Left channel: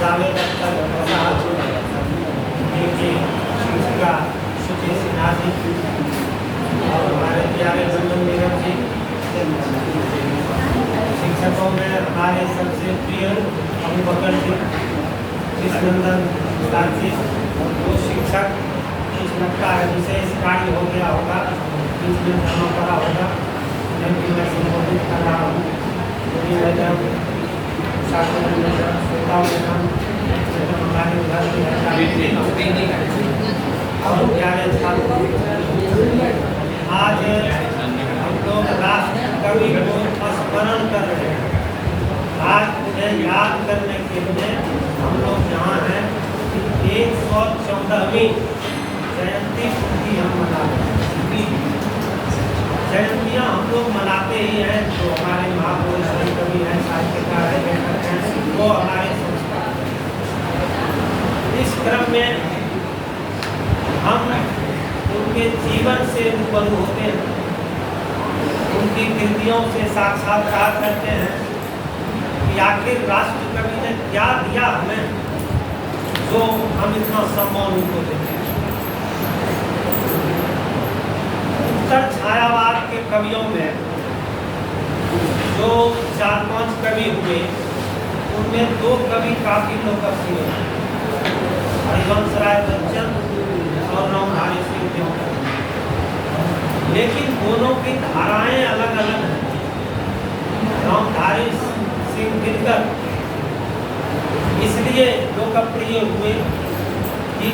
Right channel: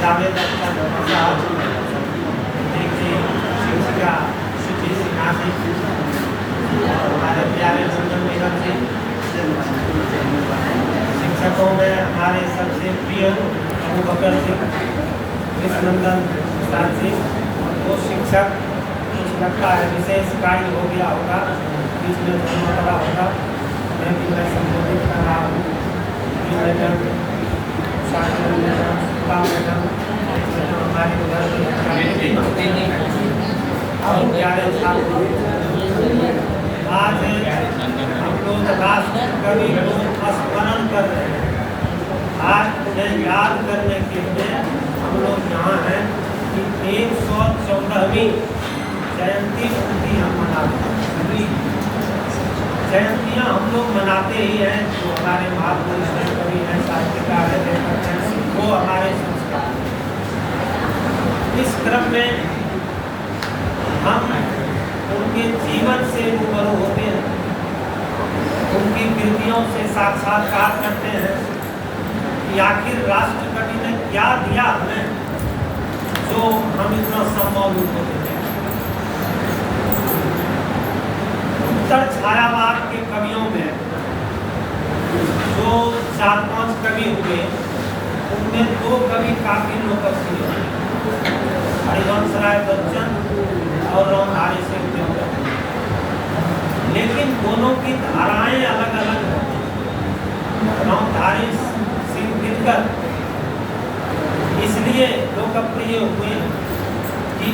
जावेद अख्तर साहब, शिक्षिका सुधि सिन्हा जी और हमारे प्यारे नंदन बेगम जी, शिक्षकों में हमारे सबसे प्रिय अबू बकर जी, कृष्णनंदन उस्ताद जी, वो शिक्षक कुछ लगता है विशेष कार्य हो गया होगा, बीच में जमा पड़ा होगा, लेकिन मैं संबोधित कर रहा हूँ। मैडम हमारे घर अब प्यारे छात्र, आज हम लोग राष्ट्र कवि को स्मरण कर रहे हैं। आज उन्हें याद करने के लिए हम लोग यहाँ हैं। 114वीं जयंती उनकी हम मनाते हैं। जयंतियाँ हम लोग मनाते ही हैं, जो हमारे महापुरुष कवि हैं, साहित्यकार हैं, लेखक हैं, वो हमारे संस्कार। इस क्रम में हम उनके जीवन से रूबरू होते हैं, उनकी कृतियों से साक्षात्कार करते हैं कि आखिर राष्ट्र कवि ने क्या दिया हमें जो हम इतना सम्मान उनको देते हैं। उत्तर छायावाद के कवियों में जो 4-5 कवि हुए, उनमें 2 कवि काफी लोकप्रिय हैं, हरिवंश राय बच्चन और रामधारी सिंह दिनकर। लेकिन दोनों की धाराएं अलग अलग हैं। रामधारी सिंह दिनकर इसलिए लोकप्रिय हुए कि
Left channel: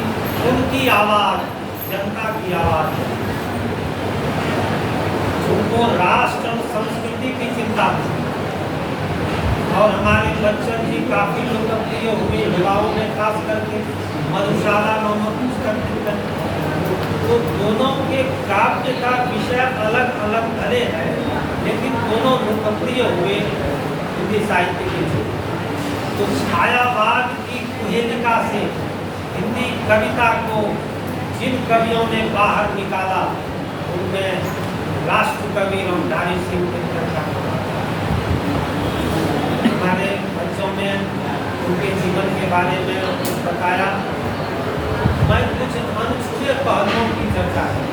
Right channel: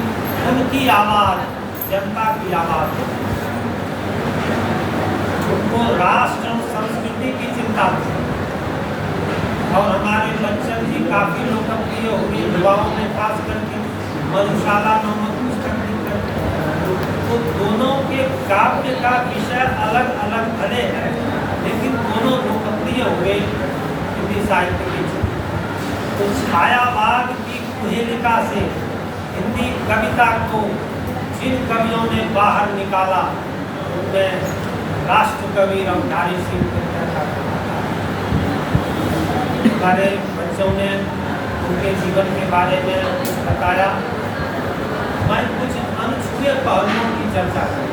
उनकी आवाज जनता की आवाज है। उनको राष्ट्र और संस्कृति की चिंता थी। और हमारे बच्चन जी काफी लोकप्रिय हुए युवाओं में, खास करके मधुशाला नामक पुस्तक लिखकर। तो दोनों के काव्य का विषय अलग अलग भले हैं, लेकिन दोनों लोकप्रिय हुए हिंदी साहित्य के। तो छायावाद की कुहेलिका से हिंदी कविता को जिन कवियों ने बाहर निकाला, उनमें राष्ट्र कवि रामधारी सिंह दिनकर का। हमारे बच्चों ने उनके जीवन के बारे में कुछ बताया, मैं कुछ अनछुए पहलुओं की चर्चा की।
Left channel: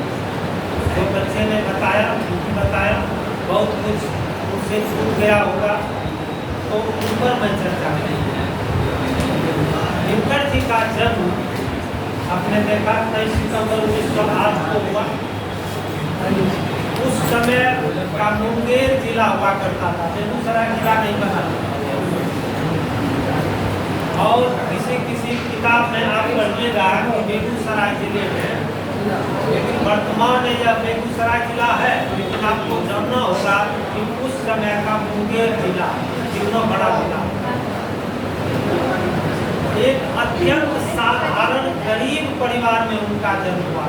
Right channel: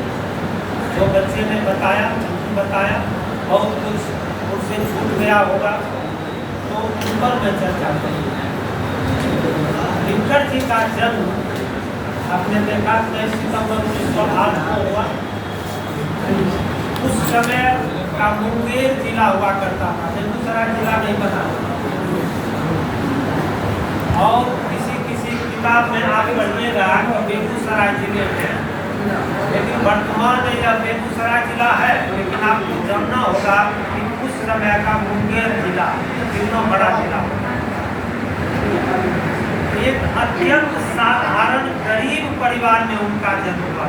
जो बच्चे ने बताया बहुत कुछ उनसे छूट गया होगा, तो उन पर मैं चर्चा करूँ। दिनकर जी का जन्म आपने देखा 23 सितंबर 1908 को हुआ। उस समय का मुंगेर जिला हुआ करता था, बेगूसराय जिला नहीं बना। और किसी किताब में आप पढ़िएगा कि बेगूसराय जिले में, लेकिन वर्तमान में यह बेगूसराय जिला है, लेकिन आपको जानना होगा कि उस समय का मुंगेर जिला कितना बड़ा जिला। एक अत्यंत साधारण गरीब परिवार में उनका जन्म हुआ।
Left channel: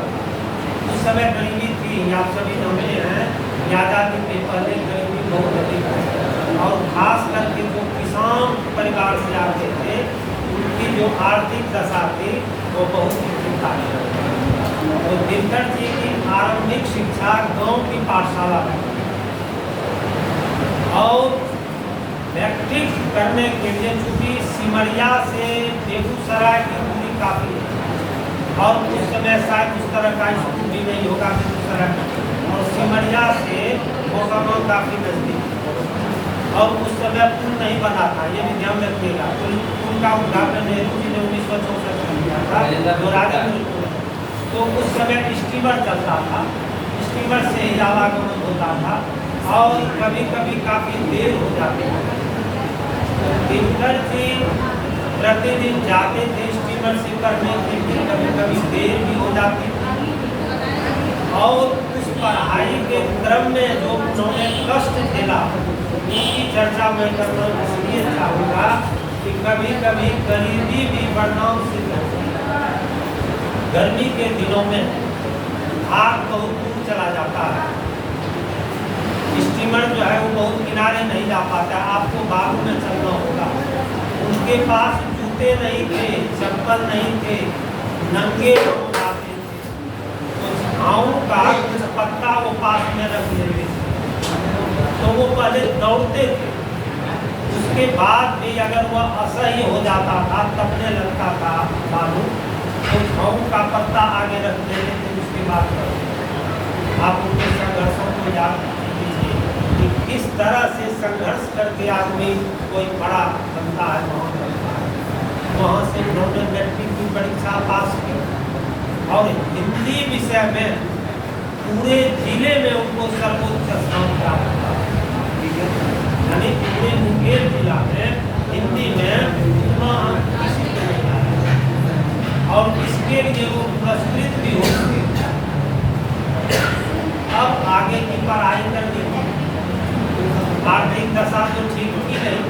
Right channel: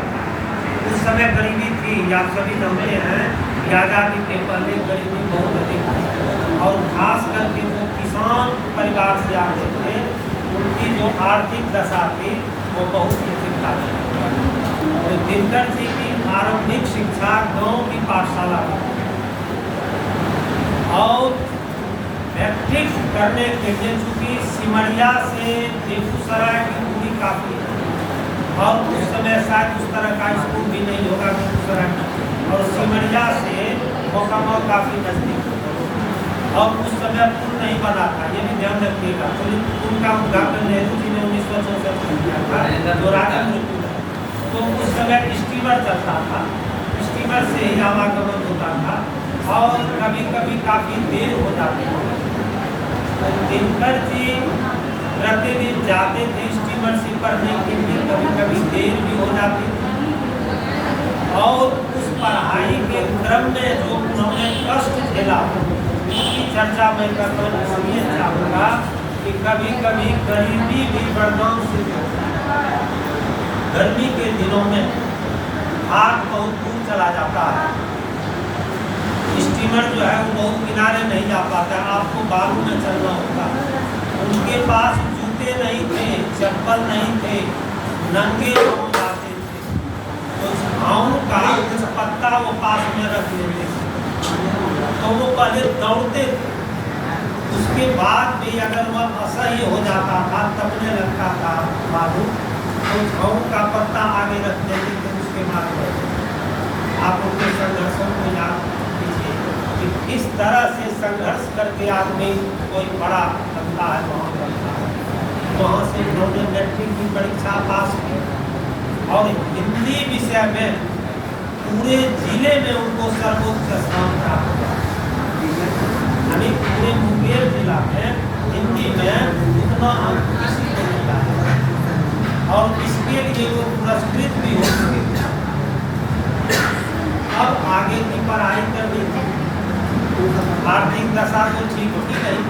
उस समय गरीबी थी, आप सभी जानते हैं, आजादी के पहले गरीबी बहुत अधिक है। और खास करके जो किसान परिवार से आते थे, उनकी जो आर्थिक दशा थी वो बहुत ही चिंता थी। तो दिनकर जी की आरंभिक शिक्षा गांव की पाठशाला में, और मैट्रिक करने के लिए चूँकि सिमरिया से बेगूसराय की दूरी काफ़ी है, और उस समय शायद उस तरह का स्कूल भी नहीं होगा बेगूसराय में, और सिमरिया से मोकामा काफ़ी नज़दीक, और उस समय पुल नहीं बना था, ये भी ध्यान रखिएगा। पुल का उद्घाटन नेहरू जी ने 1964 में किया था, जो राजपुर पुल है। तो उस समय स्टीमर चलता था, स्टीमर से ही आवागमन होता था, और कभी कभी काफ़ी देर हो जाती है। दिनकर जी प्रतिदिन जाते थे स्टीमर से पढ़ने के लिए, कभी कभी देर भी हो जाती थी। और उस पढ़ाई के क्रम में जो उन्होंने कष्ट झेला, उसकी चर्चा मैं करना इसलिए चाहूँगा कि कभी कभी गरीबी भी बदनाम से गर्मी के दिनों में भाग बहुत दूर चला जाता है। स्टीमर जो है वो बहुत किनारे नहीं जा पाता, आपको बालू में चलना होगा। उनके पास जूते नहीं थे, चप्पल नहीं थे, नंगे पाँव जाते थे। तो झाऊ का कुछ पत्ता वो पास में रख लेते थे, तो वो पहले दौड़ते थे, उस उसके बाद भी अगर वह असह्य हो जाता था, तपने लगता था बालू, तो झाऊ का पत्ता आगे रख देते थे, उसके बाद आप उनके संघर्षों को याद कीजिए कि किस तरह से संघर्ष करके आदमी कोई बड़ा बनता है। वहाँ से उन्होंने मैट्रिक की परीक्षा पास की और हिंदी विषय में पूरे जिले में उनको सर्वोच्च स्थान प्राप्त हुआ। यानी पूरे मुंगेर जिला में हिंदी में उतना अंक किसी को नहीं आया और इसके लिए वो पुरस्कृत भी हो चुके। अब आगे की पढ़ाई करनी थी, आर्थिक दशा तो ठीक ही नहीं,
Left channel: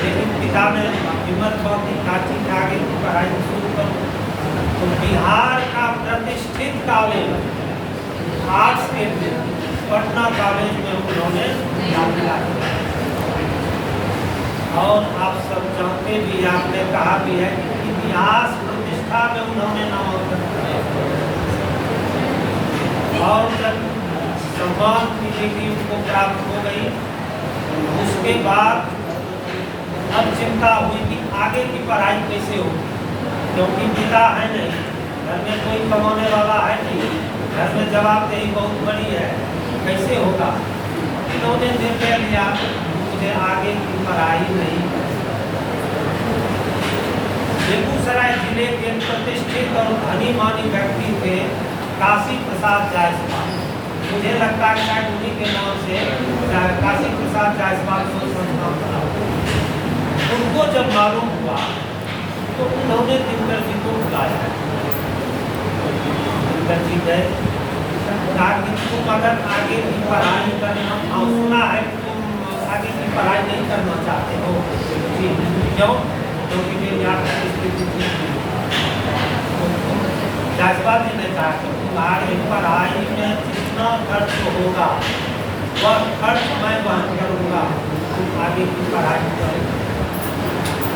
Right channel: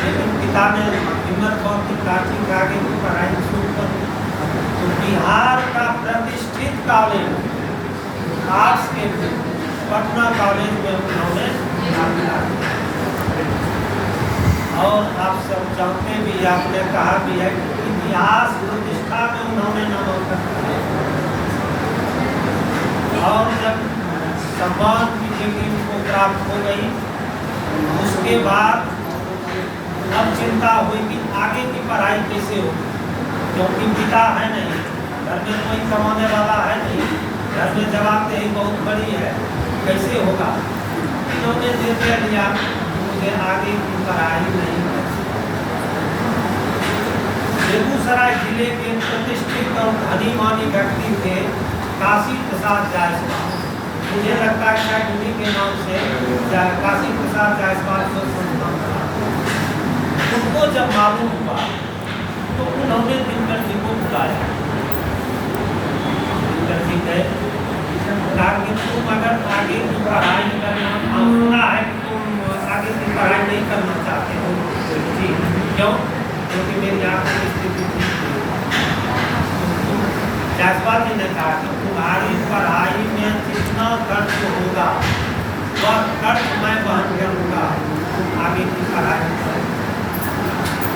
लेकिन पिता ने हिम्मत बहुत काटी कि आगे की पढ़ाई शुरू कर। तो बिहार का प्रतिष्ठित कॉलेज आर्ट्स के पटना कॉलेज में उन्होंने दाखिला किया। और आप सब जानते भी, आपने कहा भी है कि इतिहास प्रतिष्ठा में उन्होंने नामांकन किया और जब सम्मान की डिग्री उनको प्राप्त हो गई, उसके बाद अब चिंता हुई कि आगे की पढ़ाई कैसे होगी, क्योंकि पिता है नहीं, घर में कोई कमाने वाला है नहीं, घर में जवाबदेही बहुत बड़ी है, कैसे होगा। इन्होंने निर्णय लिया मुझे आगे की पढ़ाई नहीं करनी। बेगूसराय जिले के प्रतिष्ठित और धनी मानी व्यक्ति थे काशी प्रसाद जायसवाल। मुझे लगता है उन्हीं के नाम से काशी प्रसाद जायसवाल को संस्थान बना। उनको जब मालूम हुआ तो उन्होंने दिनकर जी को बुलाया। दिनकर जी गए, कहा कि तुम अगर आगे की पढ़ाई करना, सुना है कि तुम आगे की पढ़ाई नहीं करना चाहते हो, जी क्यों? क्योंकि मेरी आर्थिक स्थिति जायसवाल जी ने कहा कि तुम्हारी पढ़ाई में जितना खर्च होगा वह खर्च मैं वहन करूँगा, तुम आगे की पढ़ाई करो।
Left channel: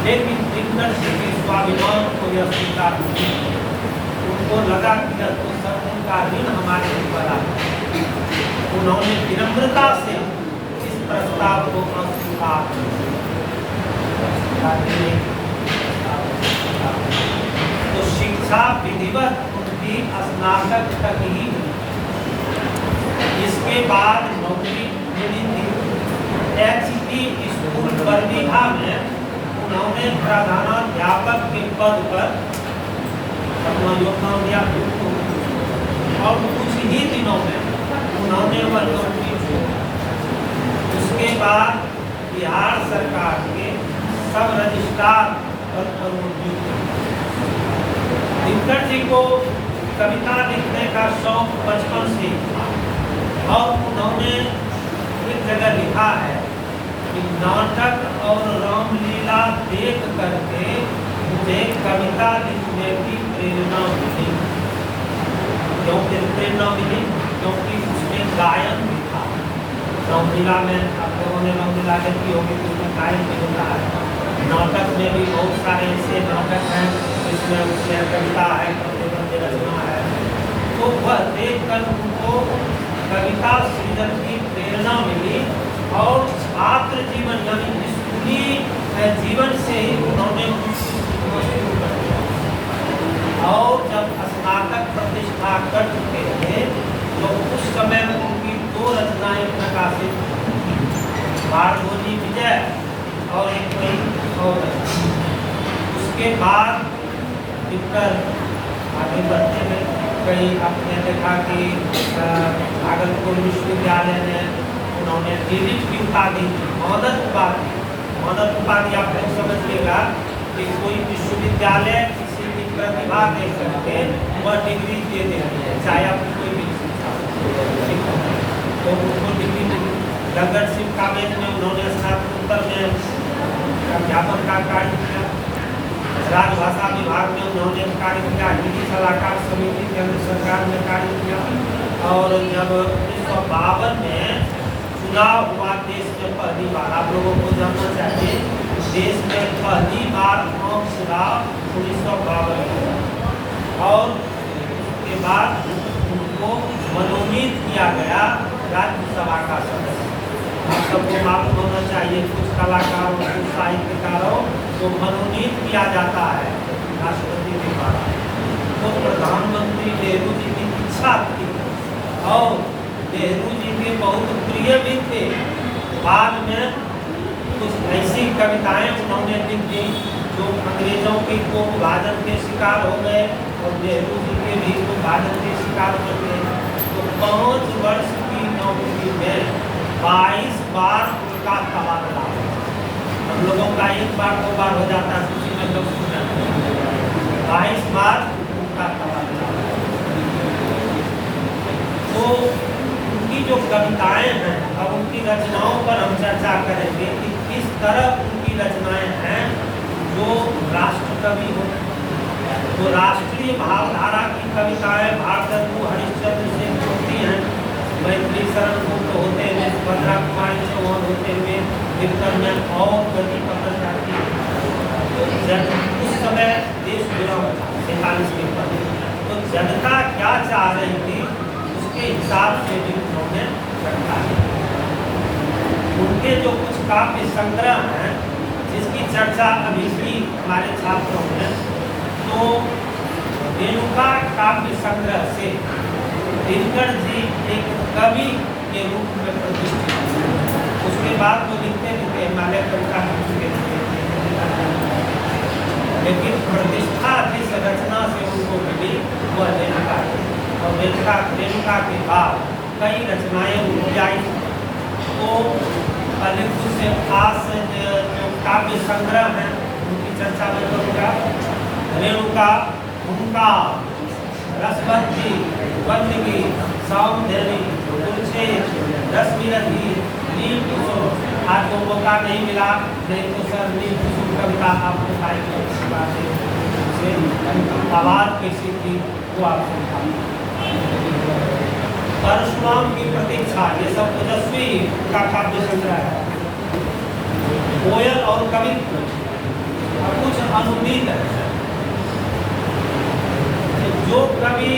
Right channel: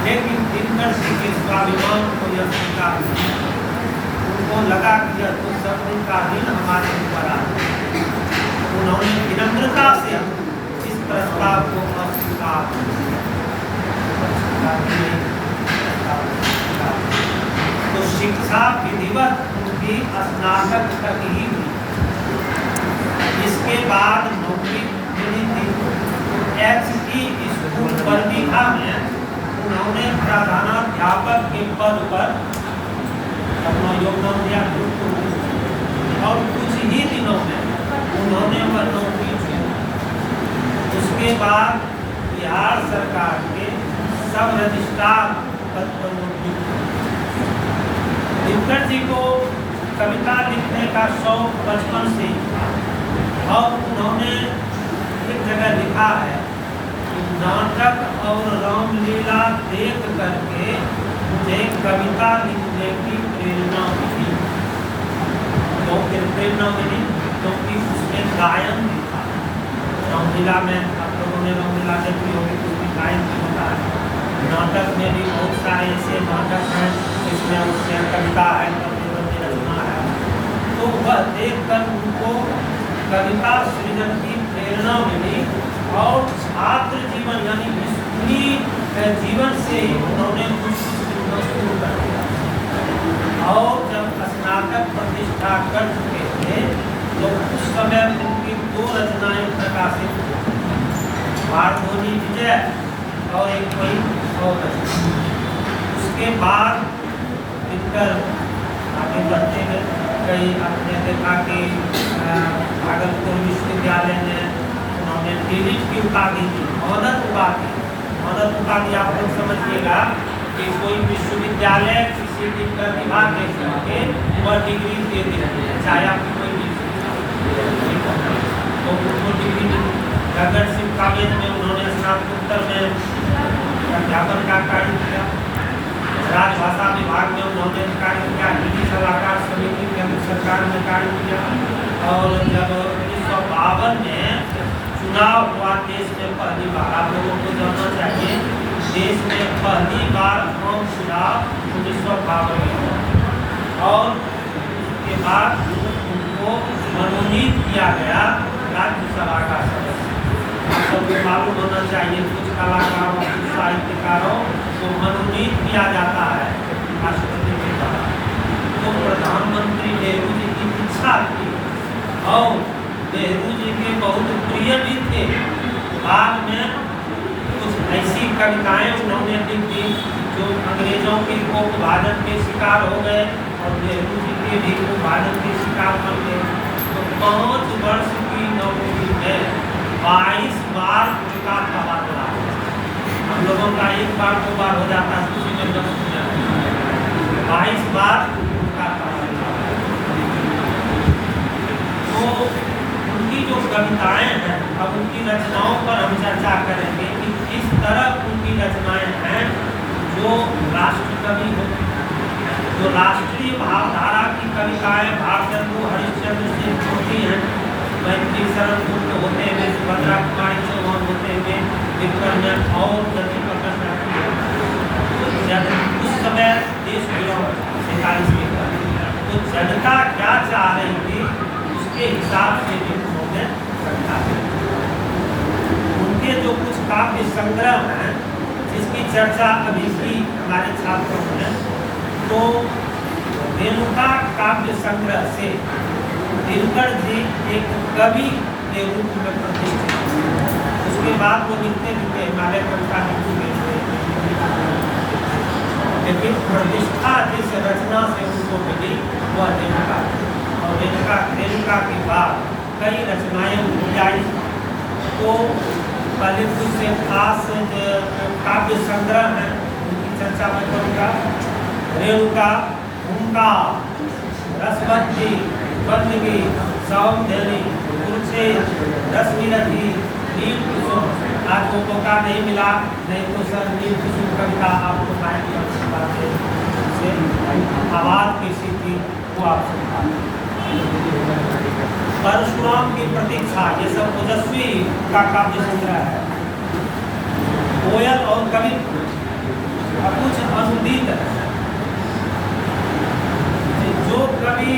लेकिन दिनकर जी के स्वाभिमान को यह स्वीकार नहीं, उनको लगा कि यह तो सब उनका ऋण हमारे ऊपर आ। उन्होंने विनम्रता से इस प्रस्ताव को अस्वीकार किया। तो शिक्षा विधिवत उनकी स्नातक तक ही, इसके बाद नौकरी मिली थी। एचपी स्कूल बरबीघा में उन्होंने प्रधानाध्यापक के पद पर अपना योगदान दिया और कुछ ही दिनों में उन्होंने वह नौकरी छोड़ी। उसके बाद बिहार सरकार के सब रजिस्ट्रार पद पर दिनकर जी को कविता लिखने का शौक बचपन से ही था और उन्होंने एक जगह लिखा है कि नाटक और रामलीला देख करके मुझे कविता लिखने की प्रेरणा मिली। क्यों प्रेरणा मिली? क्योंकि उसमें गायन भी था। रामलीला में आप लोगों ने रामलीला देखी होगी, उसमें गायन भी होता है। नाटक में भी बहुत सारे ऐसे नाटक हैं जिसमें उसमें कविता है, रचना है। तो वह देख कर उनको कविता सृजन की प्रेरणा मिली और छात्र जीवन यानी स्कूली जीवन से ही उन्होंने शुरू कर दिया। और जब स्नातक प्रतिष्ठा कर चुके थे तो उस समय उनकी 2 रचनाएं प्रकाशित हुई, भारतोली विजय और एक वही और। उसके बाद दिनकर आगे बढ़ते गए। कई आपने देखा कि भागलपुर विश्वविद्यालय में उन्होंने डीलिट की उपाधि दी, मौदत उपाधि। मौदत उपाधि आप लोग समझिएगा कि कोई विश्वविद्यालय किसी भी प्रतिभा के करके वह डिग्री दे देती है, चाहे आपकी कोई भी। तो उनको डिग्री गदर सिंह कॉलेज में उन्होंने स्नातकोत्तर में अध्यापन का कार्य किया। राजभाषा विभाग में उन्होंने कार्य किया। हिंदी सलाहकार समिति केंद्र सरकार में कार्य किया। और जब 1952 में चुनाव हुआ देश में पहली बार, आप लोगों को जानना चाहिए, देश में पहली बार आम चुनाव 1952 में हुआ और उसके बाद उनको मनोनीत किया गया राज्यसभा का सदस्य। आप सबको मालूम होना चाहिए, कुछ कलाकारों, कुछ साहित्यकारों को मनोनीत किया जाता है राष्ट्रपति के द्वारा। तो प्रधानमंत्री नेहरू जी की इच्छा थी और नेहरू जी के बहुत प्रिय भी थे। बाद में कुछ ऐसी कविताएं उन्होंने लिखी जो अंग्रेजों के को विभाजन के शिकार हो गए और नेहरू जी के भी विभाजन के शिकार बन गए। तो 5 वर्ष की नौकरी में 22 बार उनका तबादला। हम लोगों का एक बार 2 बार हो जाता है, किसी में 10 हो जाता है, 22 बार उनका तबादला। तो उनकी जो कविताएं हैं, अब उनकी रचनाओं पर हम चर्चा करेंगे कि किस तरह उनकी रचनाएं हैं जो राष्ट्रकवि हो, जो राष्ट्रीय भावधारा की कविताएं भारतेंदु हरिश्चंद्र से होती हैं, मैत्री शरण गुप्त होते हुए, सुभद्रा कुमारी चौहान होते हुए, विक्रमन और गति पकड़ जाती है। तो जब उस समय देश विरोध 47 के पर, तो जनता क्या चाह रही थी उसके हिसाब से भी उन्होंने रखा है। उनके जो कुछ काव्य संग्रह हैं जिसकी चर्चा अभी की हमारे छात्रों ने, तो रेणुका काव्य संग्रह से दिनकर जी एक कवि के रूप में प्रतिष्ठित हुए। उसके बाद वो लिखते हिमालय कविता लेकिन प्रतिष्ठा जिस रचना से उनको मिली वह रेणुका, और रेणुका के बाद कई रचनाएं उनकी आई। तो पहले कुछ से खास जो काव्य संग्रह हैं उनकी चर्चा मैं करूँगा। रेणुका, हुंका, रसवंती, बंदगी, सौंदर्य, कुलछेद, रसविरही, नील कुसुम। आज वो मौका नहीं मिला, नहीं तो सर नील कुसुम कविता आपको पाएंगे से आवाज कैसी थी वो आप सुना। परशुराम की प्रतीक्षा, ये सब ओजस्वी का काव्य संग्रह है। कोयल और कवित्व कुछ अनुदित है। जो कवि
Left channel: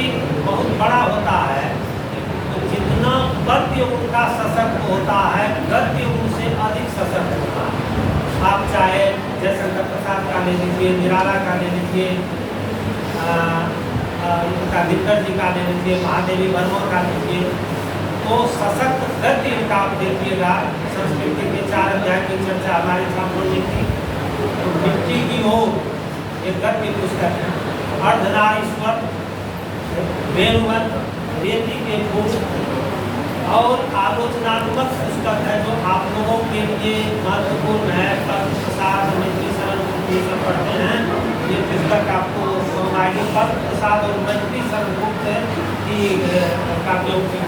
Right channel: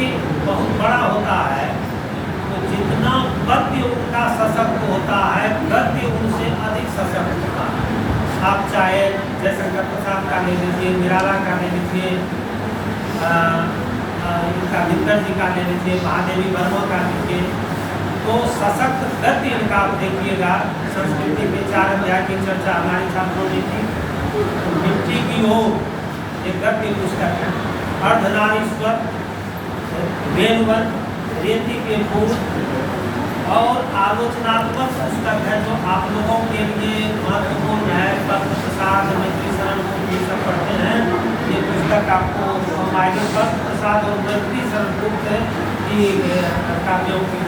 बहुत बड़ा होता है तो जितना पद्य उनका सशक्त होता है, गद्य उनसे अधिक सशक्त होता है। आप चाहे जयशंकर प्रसाद का ले लीजिए, निराला का ले लीजिए, इनका दिनकर जी का ले लीजिए, महादेवी वर्मा का लीजिए, तो सशक्त गद्य इनका आप देखिएगा। संस्कृति के 4 अध्याय की चर्चा हमारे छात्रों ने की। तो मिट्टी की ओर एक गद्य पुस्तक है, अर्धनारीश्वर, वेणुवन, रेती के फूल और आलोचनात्मक पुस्तक है जो आप लोगों के लिए महत्वपूर्ण है। पद्म प्रसाद, मैत्री शरण गुप्त ये सब पढ़ते हैं, ये पुस्तक आपको आएगी। पद्म प्रसाद और मैत्री शरण गुप्त की काव्यों की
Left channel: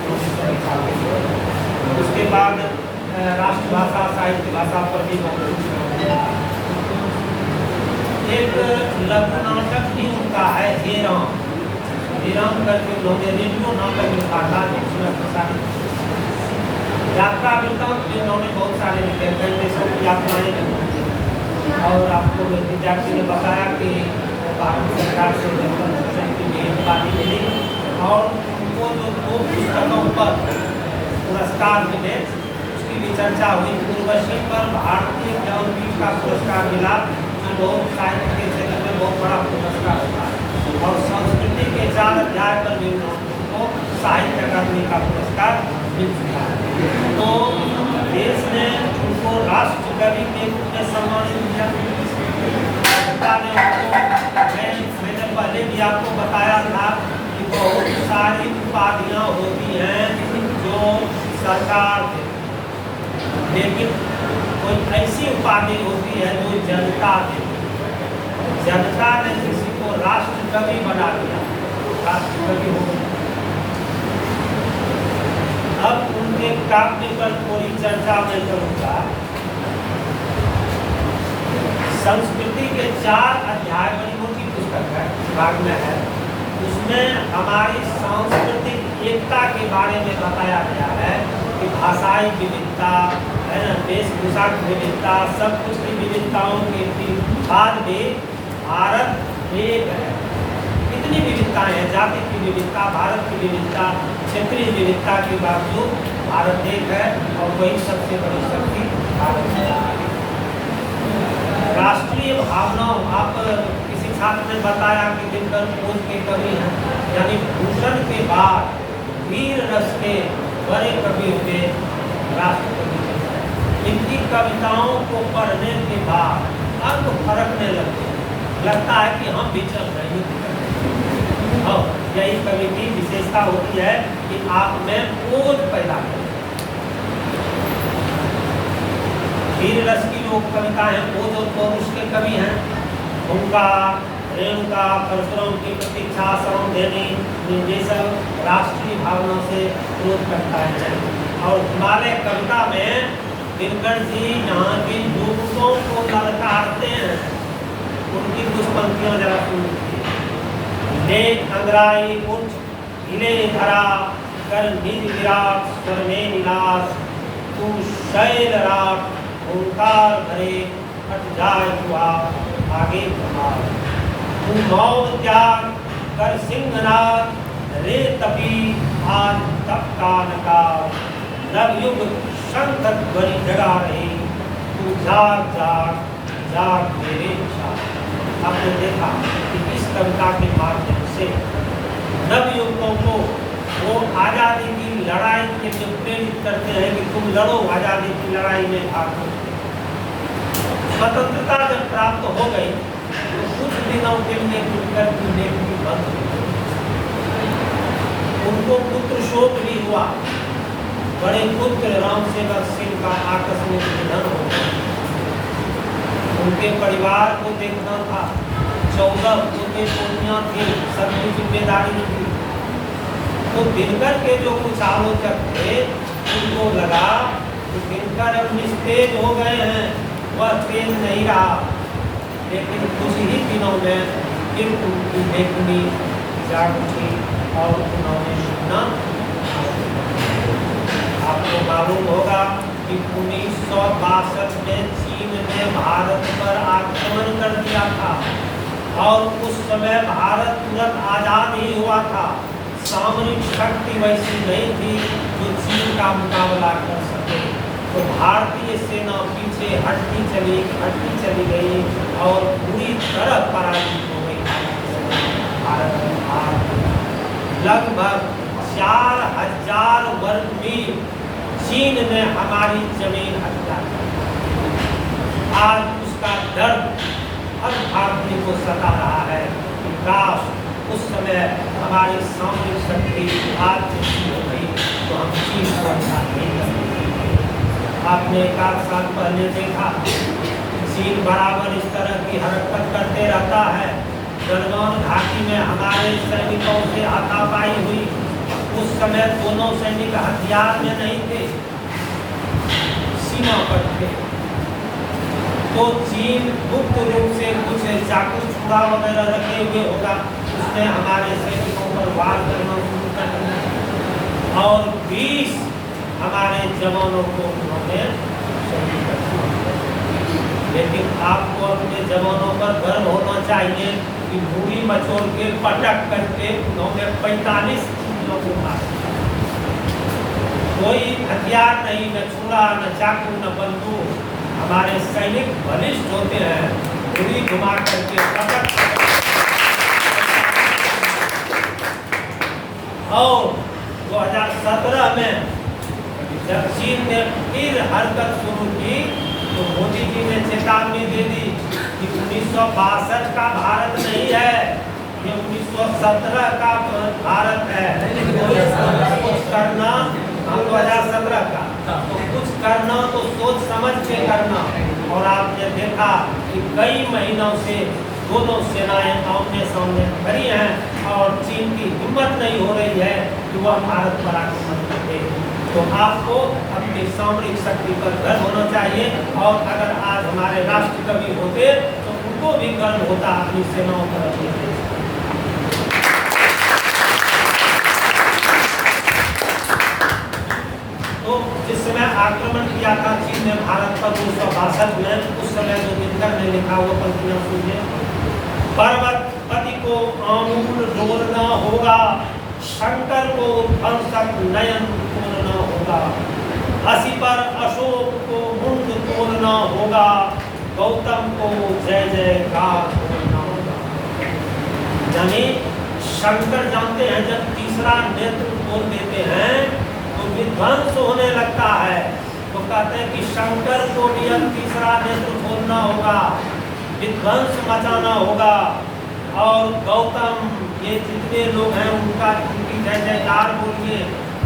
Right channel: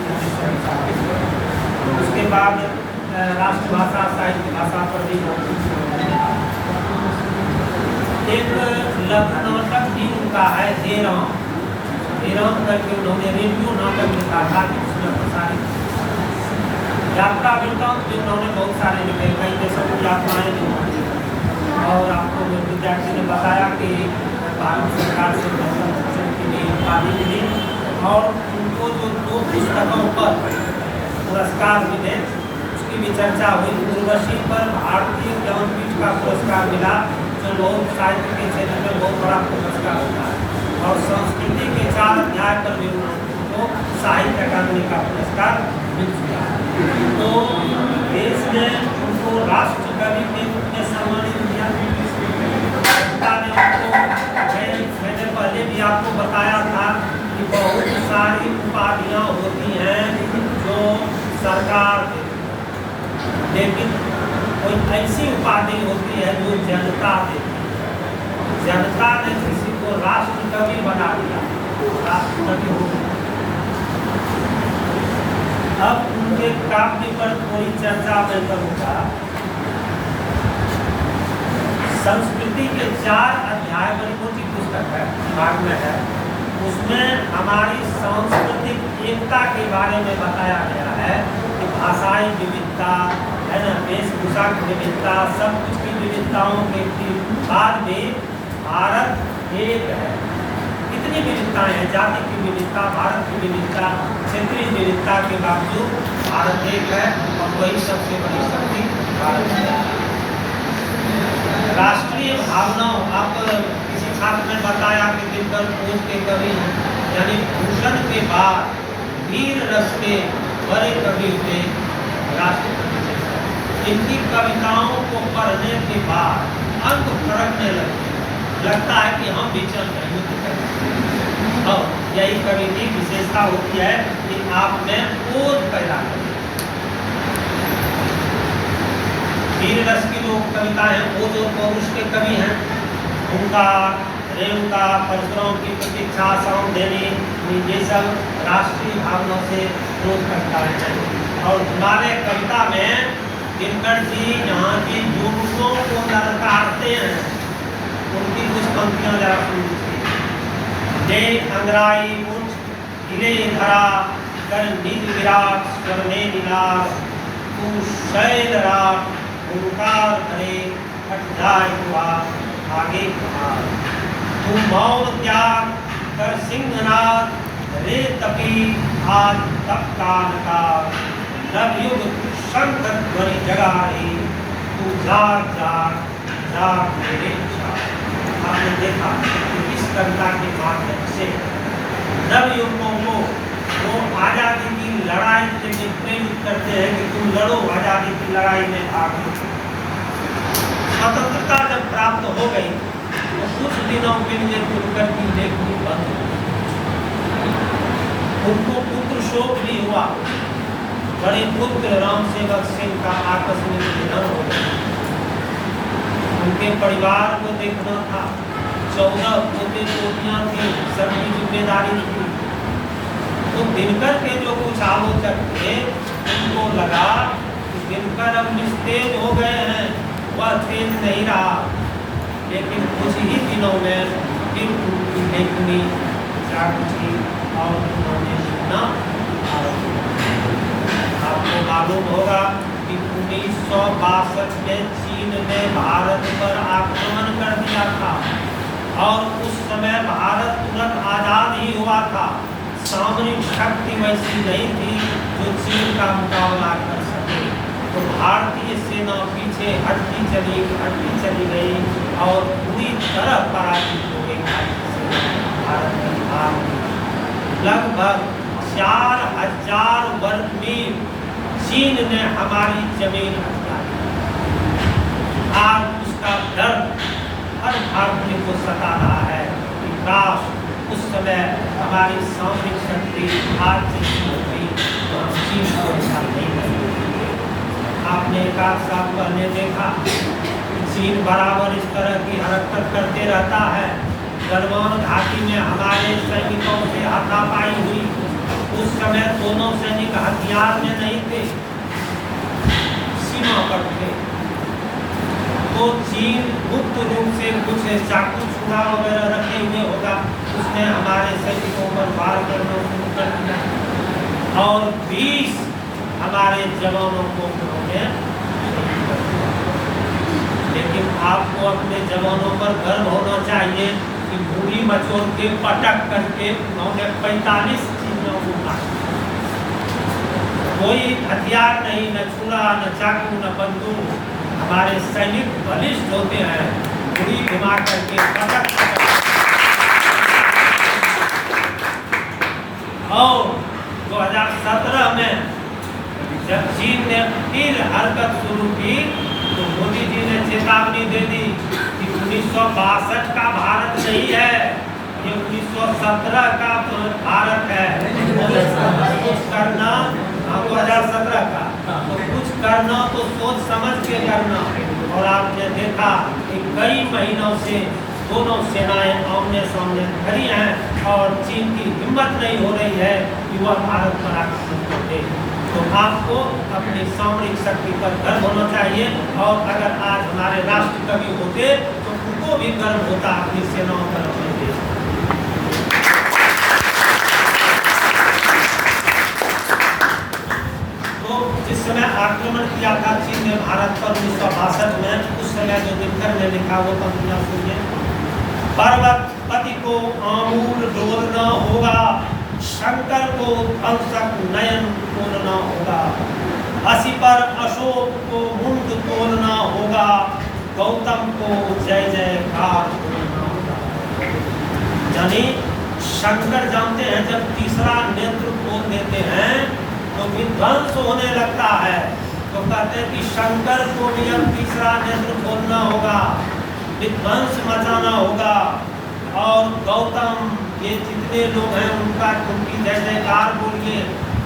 उसके बाद राष्ट्रभाषा, साहित्य भाषा पर भी एक लघु नाटक भी उनका है, हेराम करके उन्होंने रेडियो नाटक लिखा था, उसमें प्रसारित यात्रा वृत्तांत भी उन्होंने बहुत सारे लिखे, कई देशों की यात्राएं भी होती हैं। और आपको विद्यार्थी ने बताया कि भारत सरकार से भूषण की भी उपाधि मिली और उनको जो 2 पुस्तकों पर पुरस्कार मिले उसकी भी चर्चा हुई। उर्वशी पर भारतीय ज्ञानपीठ का पुरस्कार मिला, जो लोक साहित्य के क्षेत्र में बहुत बड़ा पुरस्कार होता है। और संस्कृति के 4 अध्याय पर भी उनको साहित्य अकादमी का पुरस्कार मिल चुका है। तो देश ने उनको राष्ट्र कवि के रूप में सम्मानित किया। मैंने पहले भी आपको बताया था कि बहुत सारी उपाधियाँ होती हैं जो सरकार देती, लेकिन कोई ऐसी उपाधि होती है जो जनता देती। जनता ने किसी को राष्ट्र कवि बना दिया, राष्ट्र कवि हो गया। अब उनके काव्य पर थोड़ी चर्चा मैं करूँगा। संस्कृति के 4 अध्याय बड़ी मोटी पुस्तक है, भाग में है। उसमें हमारी सांस्कृतिक एकता के बारे में बताया गया है कि भाषाई विविधता है ना, वेशभूषा की विविधता, सब कुछ की विविधताओं के बाद भी भारत एक है। जितनी विविधताएं हैं, जाति की विविधता, भारत की विविधता, क्षेत्रीय विविधता के बावजूद भारत एक है और वही सबसे बड़ी शक्ति भारत है। राष्ट्रीय भावनाओं, आप किसी छात्र ने बताया कि दिनकर खोज के कवि हैं, यानी भूषण के बाद वीर रस के बड़े कवि थे राष्ट्रकवि। इनकी कविताओं को पढ़ने के बाद अंग फरकने लगता है कि हम विचरण नहीं करते। और यही कवि की विशेषता होती है कि आप में ओज पैदा करें। वीर रस की जो कविता है ओज और पौरुष के कवि हैं, उनका रेणुका, परशुराम की प्रतीक्षा, श्रम देवी, ये सब राष्ट्रीय भावना से विरोध करता है। और हिमालय कविता में दिनकर जी यहाँ की जुलूसों को ललकारते हैं। उनकी कुछ पंक्तियाँ जरा सुनिए। ले अंगराई उठ हिले धरा कर निज विराट स्वरने निलास, तू शैल राट ओंकार भरे हट जाए हुआ आगे कुमार, तुम मौन त्याग कर सिंहनाद रे तपी आज तप का नकार, नवयुग शंखत ध्वनि जगा रही, तू जाग जाग जाग मेरे इच्छा। आपने देखा कि इस कविता के माध्यम से नवयुवकों को वो आज़ादी की लड़ाई के लिए प्रेरित करते हैं कि तुम लड़ो, आज़ादी की लड़ाई में भाग लो। स्वतंत्रता जब प्राप्त हो गई तो कुछ दिनों के लिए दिनकर की लेखनी बंद हुई। उनको पुत्र शोक भी हुआ। बड़े पुत्र राम सेवक सिंह का आकस्मिक निधन हो गया। उनके परिवार को देखना था, 14 पोते पोतियां थी, सबकी जिम्मेदारी थी। तो दिनकर के जो कुछ आलोचक थे उनको लगा कि दिनकर अब निस्तेज हो गए हैं, वह तेज नहीं रहा। लेकिन कुछ ही दिनों में फिर उनकी लेखनी जाग उठी और उन्होंने लिखना। आपको मालूम होगा कि 1962 में चीन ने भारत पर आक्रमण कर दिया था और उस समय भारत तुरंत आजाद ही हुआ था। सामरिक शक्ति वैसी नहीं थी जो चीन का मुकाबला कर सके। तो भारतीय सेना पीछे हटती चली गई और पूरी तरह पराजित हो गई। भारत में लगभग 4000 वर्ग मील चीन ने हमारी जमीन हथिया। आज उसका डर हर भारतीय को सता रहा है कि काश उस समय हमारी सामरिक शक्ति आज जैसी हो गई तो हम चीन को ऐसा नहीं करेंगे। आपने एक आध साल पहले देखा चीन बराबर इस तरह की हरकत करते रहता है। गलवान घाटी में हमारे सैनिकों से हाथापाई हुई। उस समय दोनों सैनिक हथियार में नहीं थे, सीमा पर थे। तो चीन गुप्त रूप से कुछ चाकू छुरा वगैरह रखे हुए होगा, उसने हमारे सैनिकों पर वार करना शुरू कर दिया और 20 हमारे जवानों को उन्होंने शहीद कर दिया। लेकिन आपको अपने जवानों पर गर्व होना चाहिए कि भूरी मचोर के पटक करके उन्होंने 45 चीनों को मारा। कोई हथियार नहीं, न छुरा, न चाकू, न बंदूक। हमारे सैनिक बलिष्ठ होते हैं, पूरी घुमा करके पटक। और 2017 में जब चीन ने फिर हरकत शुरू की तो मोदी जी ने चेतावनी दे दी कि 1962 का भारत नहीं है, ये 1917 का भारत है। कुछ करना, हम 2017 का, तो कुछ करना तो सोच समझ के करना। और आपने देखा कि कई महीनों से दोनों सेनाएं आमने सामने खड़ी हैं और चीन की हिम्मत नहीं हो रही है कि वह भारत पर आक्रमण करे। तो आपको अपनी सामरिक शक्ति पर गर्व होना चाहिए। और अगर आज हमारे राष्ट्र कवि होते तो उनको भी गर्व होता अपनी सेनाओं पर, अपने देश। तो जिस समय आक्रमण किया था चीन ने भारत पर 1962 में, उस समय जो दिनकर ने लिखा वो पंक्तियां सुनिए। पर्वत पति को आमूल डोलना होगा, शंकर को ध्वंसक नयन खोलना होगा, हंसी पर अशोक को मुंड तोलना होगा, गौतम को जय जयकार बोलना होगा। यानी शंकर जानते हैं जब तीसरा नेत्र खोल देते हैं तो विध्वंस होने लगता है, तो कहते हैं कि शंकर को भी अब तीसरा नेत्र खोलना होगा, विध्वंस मचाना होगा, और गौतम ये जितने लोग हैं उनकी जय जयकार बोलिए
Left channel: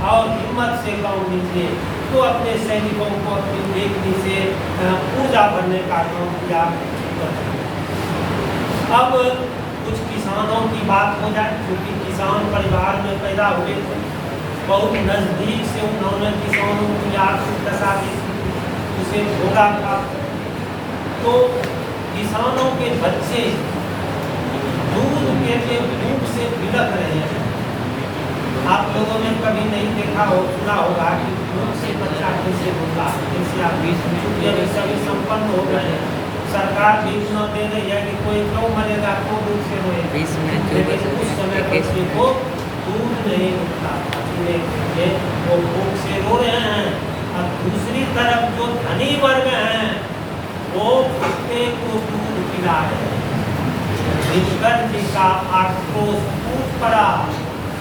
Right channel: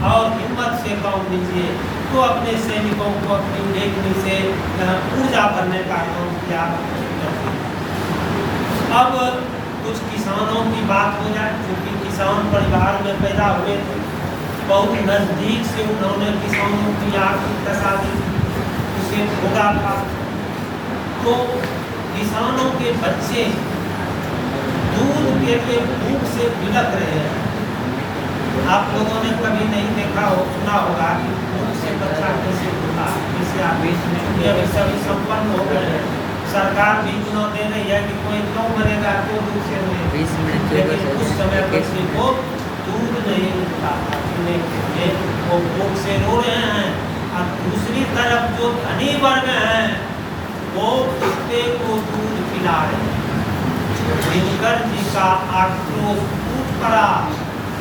और हिम्मत से काम लीजिए। तो अपने सैनिकों को अपनी लेखनी से ऊर्जा भरने का काम किया। अब कुछ किसानों की बात हो जाए, क्योंकि किसान परिवार में पैदा हुए थे, बहुत नज़दीक से उन्होंने किसानों की आर्थिक दशा उसे भोगा था। तो किसानों के बच्चे दूध पी के भूख से बिलख रहे हैं। आप लोगों ने कभी नहीं देखा हो, सुना होगा कि भूख से बच्चा कैसे होता है, कैसे आप अभी सभी संपन्न हो गए हैं, सरकार भी चुनाव दे रही है कि कोई क्यों मरेगा तो भूख से रोए, लेकिन उस समय बच्चे को दूध नहीं मिलता था, वो भूख से रो रहे हैं। और दूसरी तरफ जो धनी वर्ग हैं वो कुत्ते को दूध पिला रहे हैं। दिनकर जी का आक्रोश टूट पड़ा।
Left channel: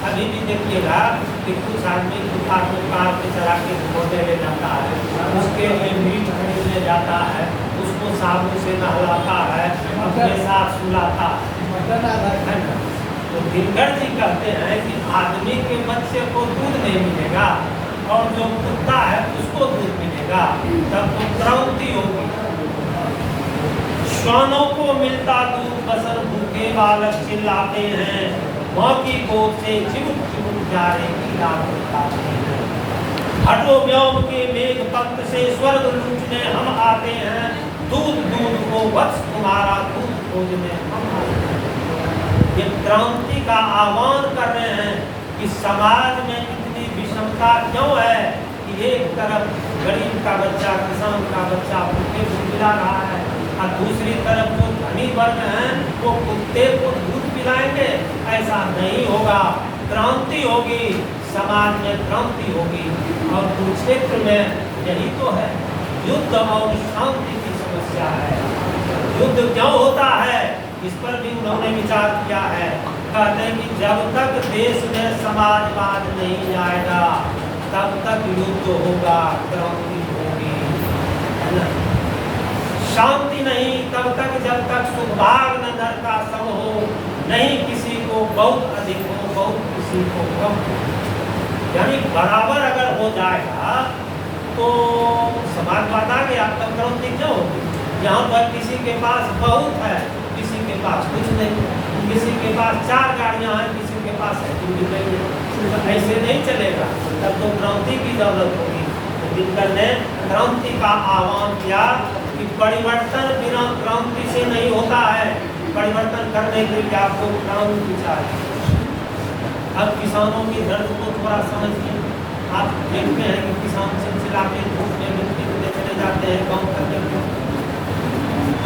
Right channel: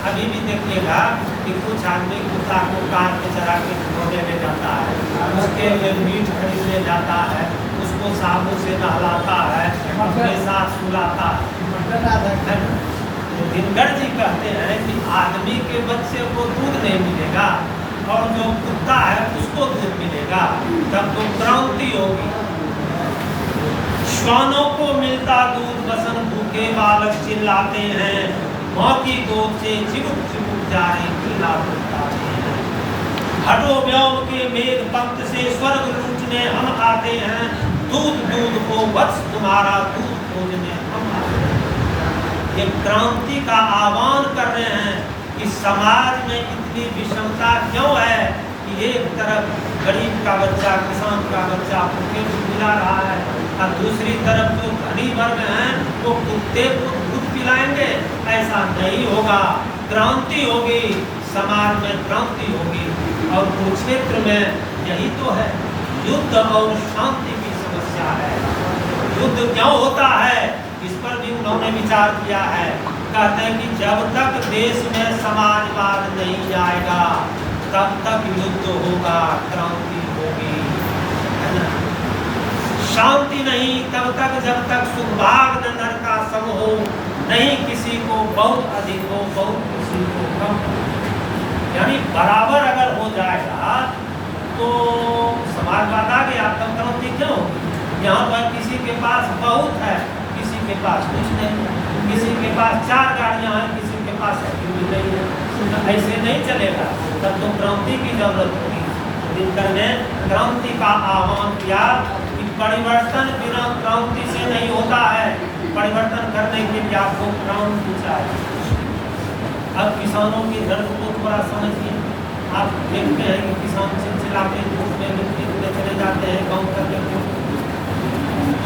अभी भी देखिएगा कि कुछ आदमी कुत्ता को काट के चरा के धोने में जाता है, उसके लिए मीट खरीदने जाता है, उसको साबुन से नहलाता है, अपने साथ सुलाता है। तो दिनकर जी कहते हैं कि आदमी के बच्चे को दूध नहीं मिलेगा और जो कुत्ता है उसको दूध मिलेगा, तब तो क्रांति होगी। श्वानों को मिलता दूध बसन भूखे बालक चिल्लाते हैं, माँ की गोद से चिमुक चिमुक जा रहे पीला बताते हैं। हटो व्योम के मेघ पंक्त से स्वर्ग लूटने हम आते हैं, दूध दूध को वत्स तुम्हारा दूध खोजने हम आते हैं। ये क्रांति का आह्वान कर रहे हैं कि समाज में इतनी विषमता क्यों है कि एक तरफ गरीब का बच्चा, किसान का बच्चा भूखे मिला रहा है और दूसरी तरफ जो धनी वर्ग हैं वो कुत्ते को दूध पिलाएंगे। ऐसा नहीं होगा, क्रांति होगी, समाज में क्रांति होगी। और कुरुक्षेत्र में यही तो है, युद्ध और शांति की समस्या है। युद्ध क्यों होता है इस पर भी उन्होंने विचार किया है। कहते हैं कि जब तक देश में समाजवाद नहीं आएगा तब तक युद्ध होगा, क्रांति होगी, है ना। शांति नहीं तब तक जब तक सुखभाग न नर का सम हो, नहीं किसी को बहुत अधिक हो, बहुत किसी को कम हो। यानी बराबर अगर हो जाएगा तो समाजवाद आ गया, तब क्रांति क्यों होगी। यहाँ पर किसी के पास बहुत है, किसी के पास कुछ नहीं, किसी के पास 4 गाड़ियाँ हैं, किसी के पास साइकिल भी नहीं है, ऐसे नहीं चलेगा, तब तो क्रांति की जरूरत होगी। दिनकर ने क्रांति का आह्वान किया कि परिवर्तन बिना क्रांति से नहीं होता है, परिवर्तन करने के लिए आपको क्रांति चाहिए। अब किसानों की दर्द को थोड़ा समझिए। आप देखते हैं कि किसान सिलसिला के धूप में मिट्टी में चले जाते हैं काम करने के लिए।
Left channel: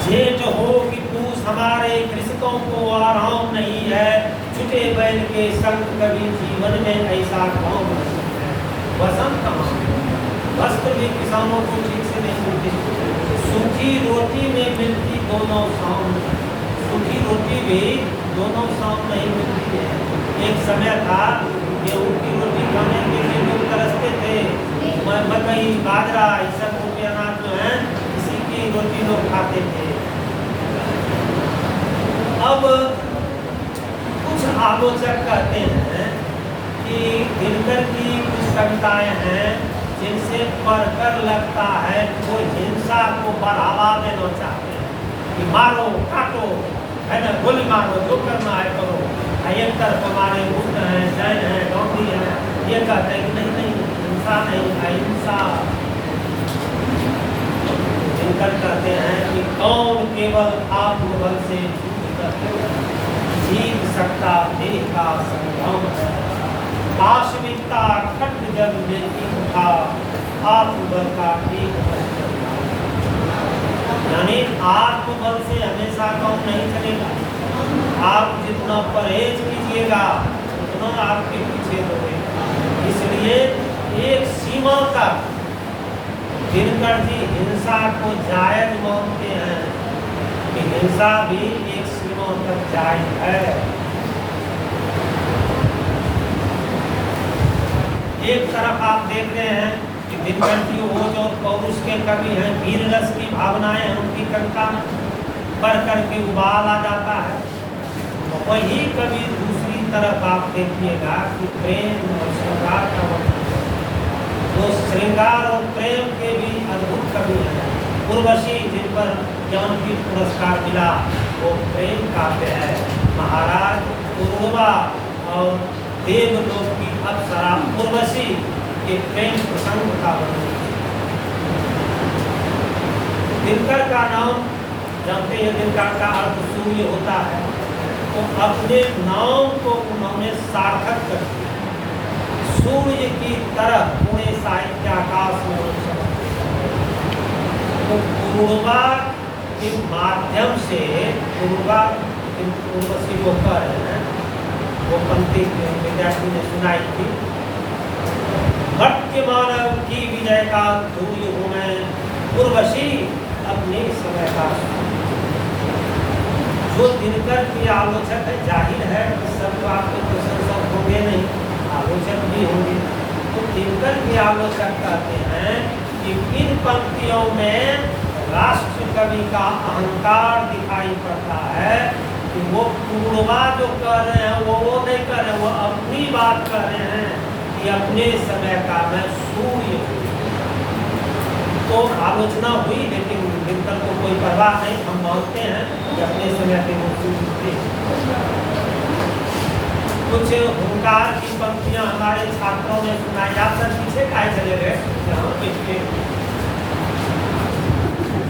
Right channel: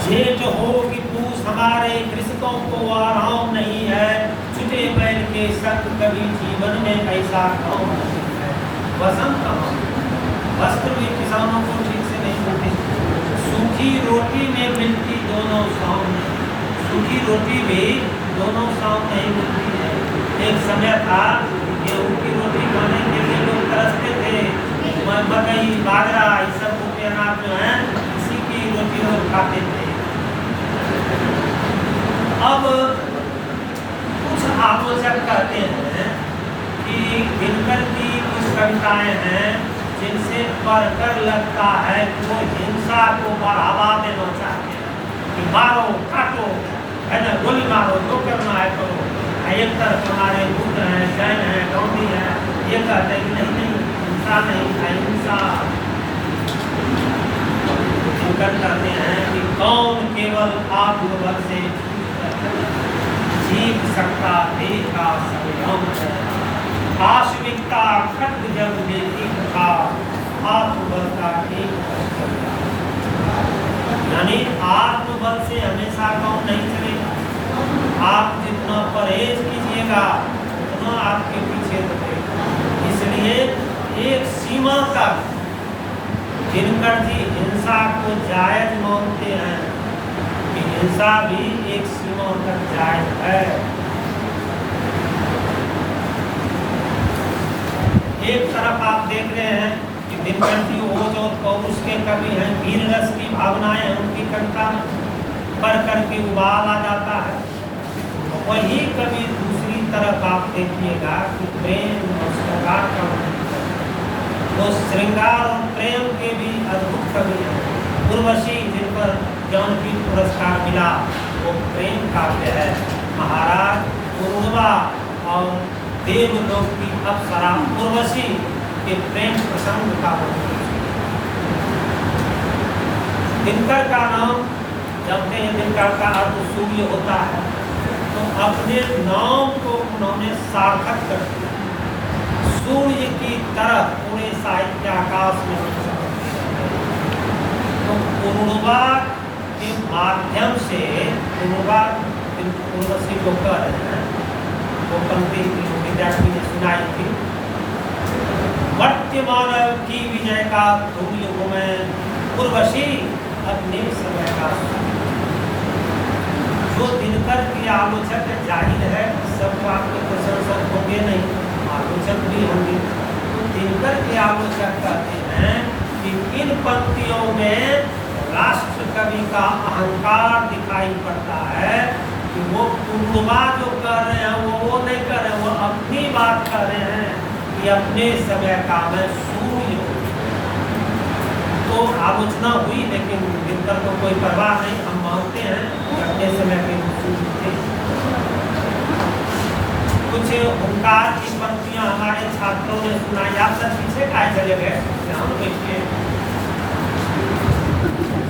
जेठ हो कि पूछ हमारे कृषकों को आराम नहीं है, छुटे बैल के संग कभी जीवन में ऐसा काम नहीं है। वसंत कहाँ, वस्त्र भी किसानों को ठीक से नहीं मिलते, सूखी रोटी में मिलती दोनों शाम, सूखी रोटी भी दोनों शाम नहीं मिलती है। एक समय था गेहूं की रोटी खाने के लिए लोग तरसते थे, मकई बाजरा इस सब के अनाज जो है इसी की रोटी लोग खाते थे। अब कुछ आलोचक कहते हैं कि दिनकर की कुछ कविताएं हैं जिनसे पढ़कर लगता है वो हिंसा को बढ़ावा देना चाहते हैं कि मारो काटो, है ना, गोली मारो, जो करना है करो। एक तरफ हमारे बुद्ध हैं, जैन हैं, गांधी हैं, ये कहते हैं कि नहीं नहीं हिंसा नहीं, अहिंसा। दिनकर कहते हैं कि कौन केवल आत्मबल से जीत सकता, देह का संग्राम है, पाशविकता खड्ग जब लेती था, आत्मबल का एक कष्ट। यानी आत्मबल से हमेशा काम नहीं चलेगा। आप दौड़ेगा उतना आपके पीछे दौड़ेगा। इसलिए एक सीमा तक दिनकर जी हिंसा को जायज मानते हैं कि हिंसा भी एक सीमा तक जायज है। एक तरफ आप देख रहे हैं कि दिनकर जी वो जो पौरुष के कवि हैं, वीर रस की भावनाएं हैं, उनकी कविता पढ़ करके उबाल आ जाता है। वही कवि दूसरी तरफ आप देखिएगा कि प्रेम और श्रृंगार का वो श्रृंगार और प्रेम के भी अद्भुत कवि हैं। उर्वशी जिन पर ज्ञानपीठ पुरस्कार मिला वो प्रेम काव्य है। महाराज उर्वा और देवलोक की अप्सरा उर्वशी के प्रेम प्रसंग का दिनकर का नाम जानते हैं। दिनकर का अर्थ सूर्य होता है, तो अपने नाम को उन्होंने सार्थक कर दिया। सूर्य की तरह पूरे साहित्य आकाश में तो उर्वा के माध्यम से उर्वशी को कह रहे हैं, वो पंक्ति विद्यार्थी ने सुनाई थी। मर्त्य मानव की विजय का धूर्य हूँ मैं, उर्वशी अपने समय का। जो दिनकर के आलोचक है, जाहिर है सब तो आपके प्रशंसक होंगे नहीं, आलोचक भी होंगे। तो दिनकर के आलोचक कहते हैं कि इन पंक्तियों में राष्ट्र कवि का अहंकार दिखाई पड़ता है कि वो पूर्वा जो कर रहे हैं वो नहीं कर रहे, वो अपनी बात कर रहे हैं कि अपने समय का मैं सूर्य हूँ। तो आलोचना हुई, लेकिन दिनकर को कोई परवाह नहीं, हम मानते हैं कि अपने समय के वो सूर्य थे। कुछ हुंकार की पंक्तियां हमारे छात्रों ने सुनाई। आप सब पीछे खाए चले गए, जहाँ बैठे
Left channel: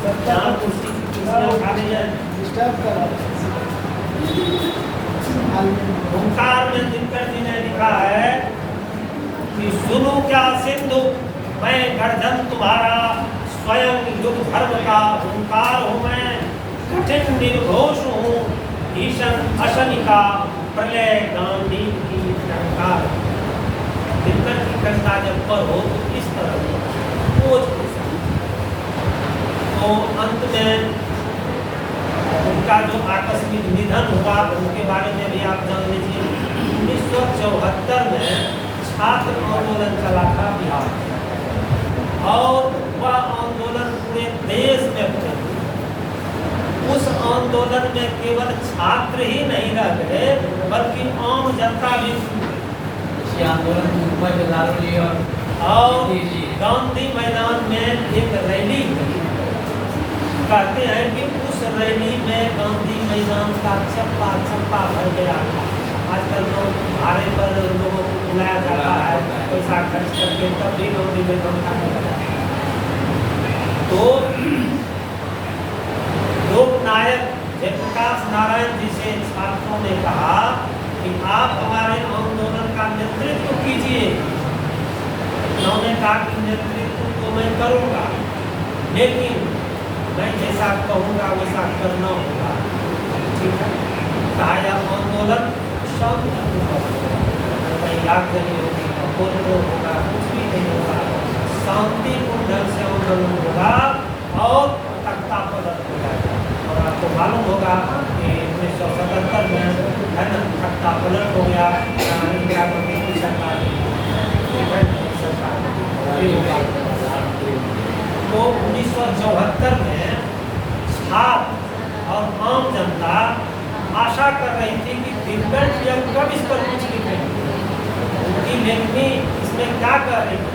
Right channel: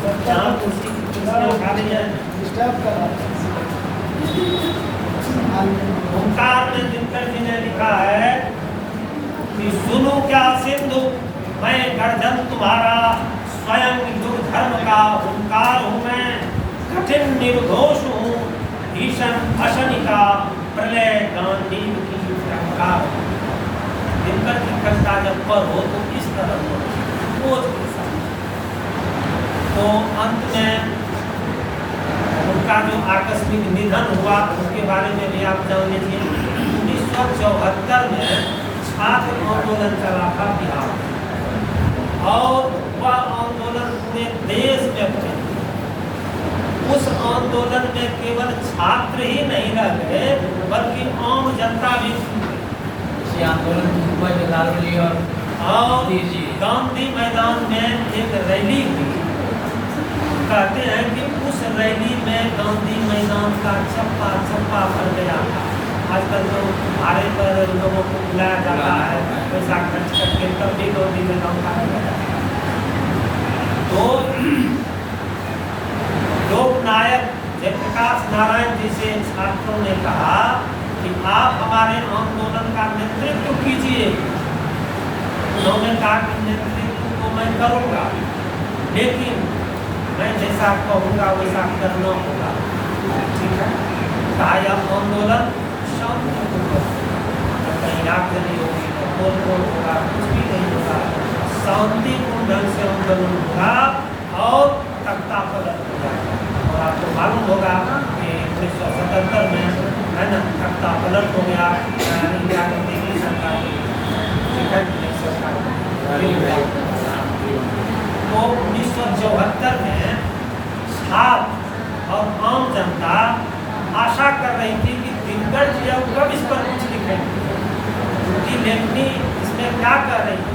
कुर्सी की कुर्सियां खाने जाए। हुंकार में दिनकर जी ने लिखा है कि सुनो क्या सिंधु, मैं गर्जन तुम्हारा, स्वयं युग धर्म का हुंकार हूँ मैं, कठिन निर्घोष हूँ, भीषण अशनिका, प्रलय गांधी की टंकार। दिनकर की कविता जब पर हो तो इस तरह हो। तो अंत में उनका जो आकस्मिक निधन हुआ उनके बारे में भी आप जान लीजिए। 1974 में छात्र आंदोलन चला था बिहार में, और वह आंदोलन पूरे देश में हुआ। उस आंदोलन में केवल छात्र ही नहीं रह गए, बल्कि आम जनता भी इस आंदोलन मुंबई में लालू और गांधी मैदान में एक रैली हुई। कहते हैं कि उस रैली में गांधी मैदान का छप्पा छप्पा भर गया था। आजकल तो भाड़े पर लोगों को बुलाया जाता है, पैसा खर्च करके, तब भी गांधी मैदान का तो लोकनायक जयप्रकाश नारायण जी से छात्रों ने कहा कि आप हमारे आंदोलन का नेतृत्व कीजिए। उन्होंने कहा कि नेतृत्व तो मैं करूँगा, लेकिन मैं जैसा कहूँगा वैसा करना होगा। ठीक है, कहा यह आंदोलन कहीं आग नहीं होगी, होगा, कुछ भी नहीं होगा, शांतिपूर्ण ढंग से आंदोलन होगा और तख्ता पलट हो जाएगा। और आपको मालूम होगा कि 1977 में है ना तख्ता पलट हो गया। तो 1974 में छात्र और आम जनता आशा कर रही थी कि दिनकर जी अब कब इस पर कुछ लिखेंगे, उनकी लेखनी इसमें क्या कर रही है,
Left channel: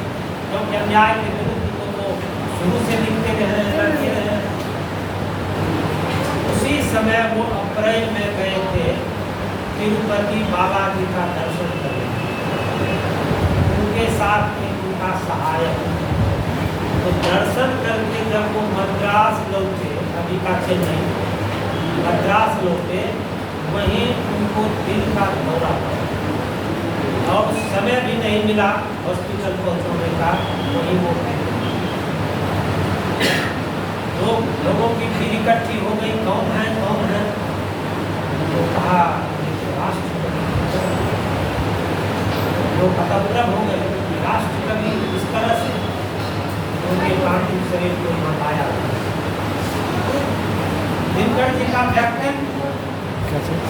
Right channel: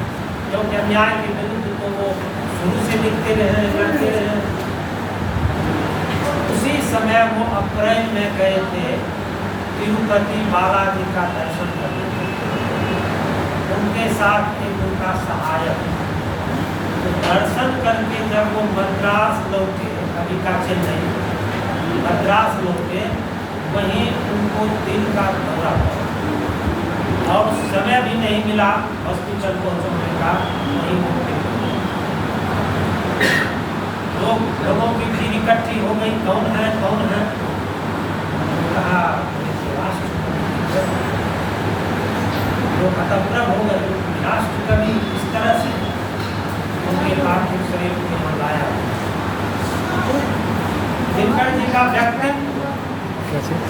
क्योंकि अन्याय के विरुद्ध तो वो शुरू से लिखते रहे, लड़ते रहे। उसी समय वो अप्रैल में गए थे तिरुपति बालाजी का दर्शन करने, उनके साथ एक उनका सहायक। तो दर्शन करके जब वो मद्रास लौटे, अभी का चेन्नई, मद्रास लौटे, वहीं उनको दिल का दौरा और समय भी नहीं मिला हॉस्पिटल पहुंचने का। वहीं वो लोगों की भीड़ इकट्ठी हो गई, कौन है कौन है, तो कहा राष्ट्र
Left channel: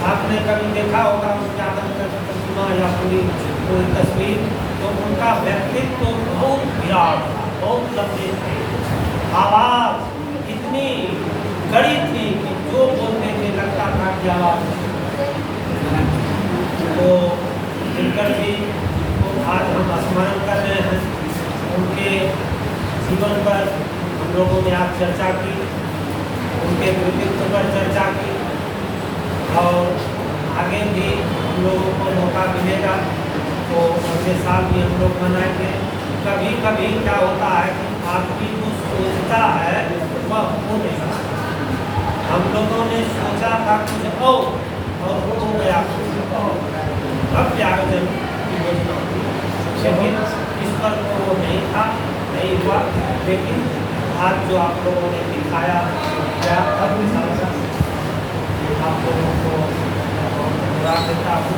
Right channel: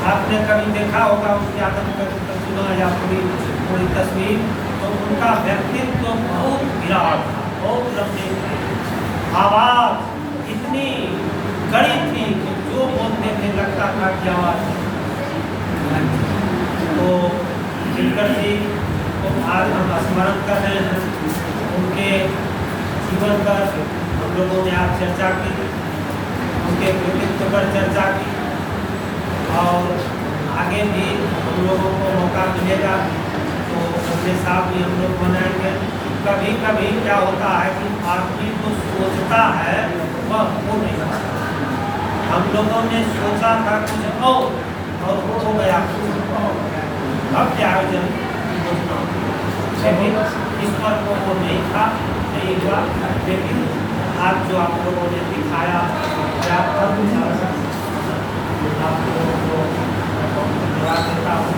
आपने कभी देखा होगा उस आदमकद की प्रतिमा या पूरी कोई तस्वीर, तो उनका व्यक्तित्व बहुत विराट था, बहुत लंबे थे, आवाज़ इतनी कड़ी थी कि जो बोलने में लगता था कि आवाज़। तो दिनकर जी को आज हम स्मरण कर रहे हैं, उनके जीवन पर हम लोगों ने आज चर्चा की, उनके व्यक्तित्व पर चर्चा की, और आगे भी हम लोगों को मौका मिलेगा तो अगले साल भी हम लोग मनाएंगे। कभी कभी क्या होता है कि आदमी जो सोचता है वह हो नहीं सकता। हम लोगों ने सोचा था कुछ और वो हो गया कुछ और, अब आयोजन की योजना हुई, लेकिन इस पर वो नहीं था, नहीं हुआ। लेकिन आज जो आप लोगों ने दिखाया क्या अब आप लोगों को धन्यवाद देता हूँ।